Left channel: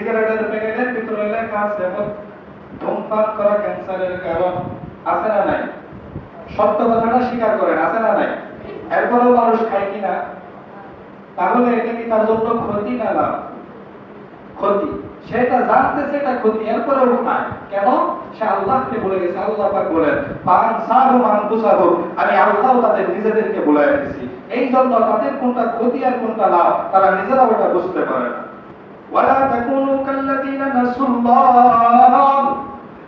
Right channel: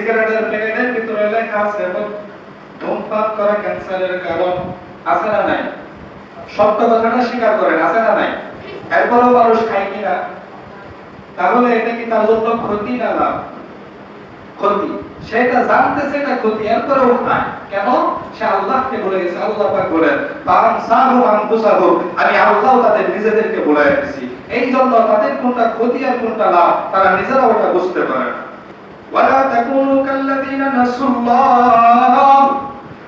সিগারেটের প্যাকেটের ভিতরে লেখা আছে এবং ধূমপান করা ক্যান্সারের কারণ আছে না নাই? সত্য কথাটা স্বীকার করেন, আছে না নাই? এরপরেও মানুষ খায় কিনা? তাহলে এটা কি তার জন্য ক্ষতি না লাভ? ক্ষতি। সেটা জানতেছে এটা ক্ষতি, এরপরেও খায়। কেন? সে আল্লাহকে বলে গেছে, আল্লাহ পাক বলেন পান সাহু আনফুসাহু আমি আল্লাহ তাদের নিজেদেরকে বলে দিয়েছি এই জন্য তাদের কোনটা ক্ষতি আর কোনটা লাভ, তারা নিজেরা ওটা বুঝতে পারে না। ওয়ালা তাকুনু কাল্লাযীনা নাসুল্লাহ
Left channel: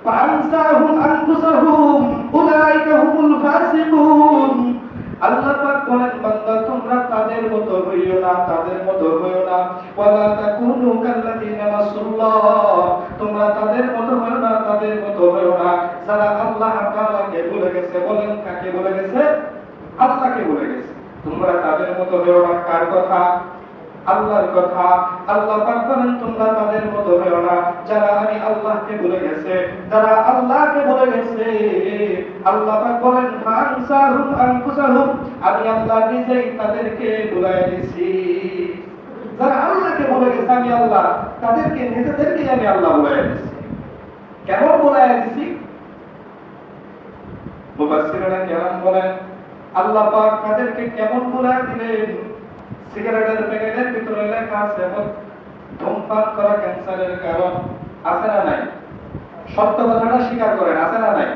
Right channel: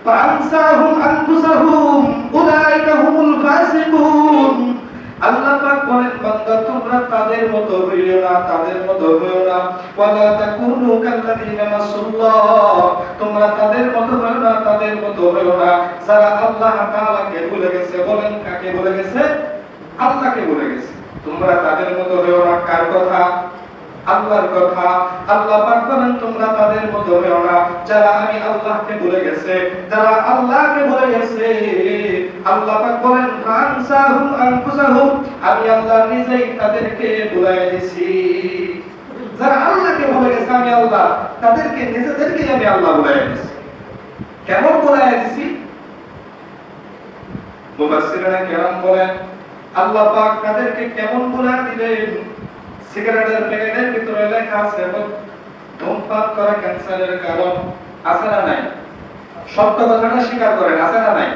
فأنساهم أنفسهم أولئك هم الفاسقون আল্লাহ পাক বলেন বান্দা তোমরা তাদের মতো হইও না তাদের মতো হইও না ওয়ালা তাকুনু কাল্লাযীনা নাসুল্লাহ তোমরা তাদের মতো হইও না তাদের মতো হইও না যারা আল্লাহ তাআলাকে ভুলে গেছে বলেন কাকে ভুলে গেছে আল্লাহকে ভুলে গেছে তোমরা তাদের মতো হইও না কার কথা আল্লাহর কথা আল্লাহ পাক বলেন তোমরা তাদের মতো হইও না যারা আমি আল্লাহকে ভুলে গেছে, যারা আল্লাহকে ভুলে গেছে, আল্লাহ পাক বলেন ফানসাহুম আনফুসাহুম আমি আল্লাহ নিজেই তাদেরকে ভুলাই দিছি। যারা আল্লাহকে ভুলে গেছে, আমি আল্লাহ, তাদেরকে নিজেদেরকে আমি আল্লাহ ভুলাই দিছি। কেমন ভুলাই দিছি? কেরাম বলেন, আল্লাহ পাক তাদেরকে কেমন ভুলাই দিলেন সিগারেটের প্যাকেটের ভিতরে লেখা আছে ধূমপান করা ক্যান্সারের কারণ আছে না নাই? সত্য কথাটা স্বীকার করেন, আছে না নাই?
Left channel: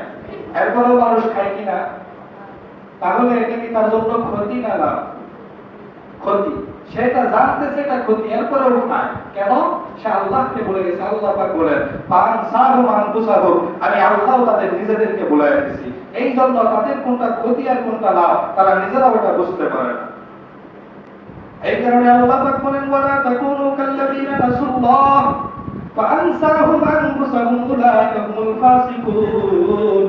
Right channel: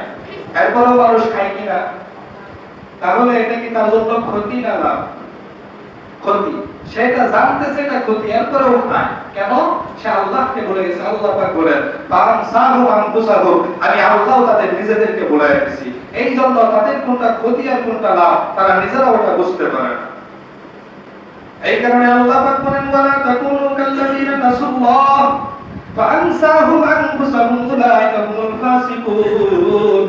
এরপরেও মানুষ খায় কিনা? তাহলে এটা কি তার জন্য ক্ষতি না লাভ ক্ষতি। সেটা জানতেছে এটা ক্ষতি, এরপরেও খায় কেন? সে আল্লাহকে বলে গেছে, আল্লাহ পাক বলেন পান সাহু আনফুসাহু আমি আল্লাহ তাদের নিজেদেরকে বলে দিয়েছি এই জন্য তাদের কোনটা ক্ষতি আর কোনটা লাভ তারা নিজেরা ওটা বুঝতে পারে না। এই কারণে আল্লাহ পাক বলেন, ওয়ালা তাকুনু কাল্লাযীনা নাসুল্লাহ ফাআনসাহুম আনফুসাহুম উলাইকা হুমুল ফাসিকুন।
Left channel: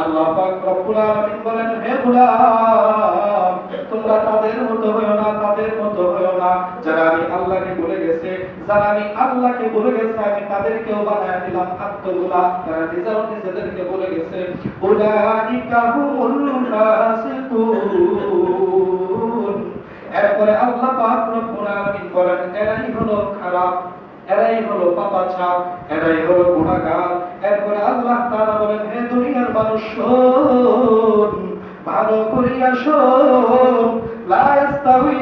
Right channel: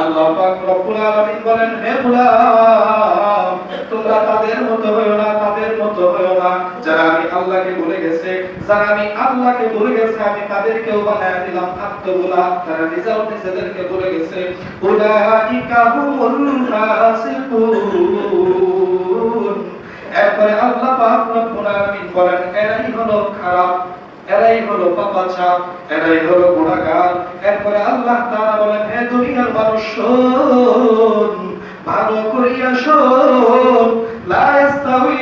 আল্লাহ পাক রব্বুল আলামিন বলেন, হে গোলাম, তোমরা তাদের মতো হয়ো না, তাদের মতো হয়ো না। যারা আমি আল্লাহকে ভুলে গেছে, যারা আমি আল্লাহকে ভুলে গেছে, আমি তাদেরকেও বানায় দিলাম আত্মগুলা তারা নিজেও নিজেদেরকে ভুলে গেছে, উলাইকা হুমুল ফাসিকুন এরপরে আল্লাহ পাক রব্বুল আলামিন বলেন এরাই হলো খারাপ এরাই পাপাচা এরাই হলো গুনাহগার এরপরে আল্লাহ তাআলা বলেন, হে দুনিয়ার মানুষ ভালো করিয়া শোন। লা ইস্তাউই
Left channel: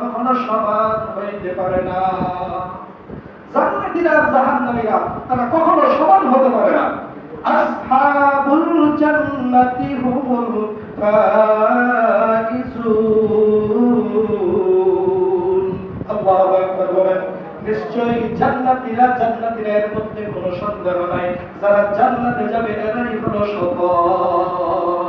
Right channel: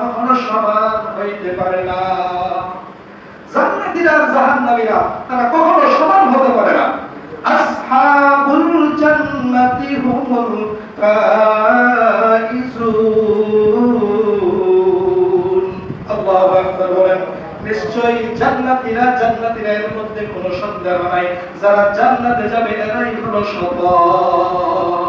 কখনো সমান হইতে পারে না। জান্নাতীরা আর জাহান্নামীরা, তারা কখনো সমান হতে পারে না। আসহাবুল জান্নাতি হুমুল ফাইজুন নিশ্চয়ই জান্নাতীরা জান্নাতীরা এর মধ্যে কোনো সন্দেহ নাই। যারা জান্নাতে যাবে এরাই হলো সফল।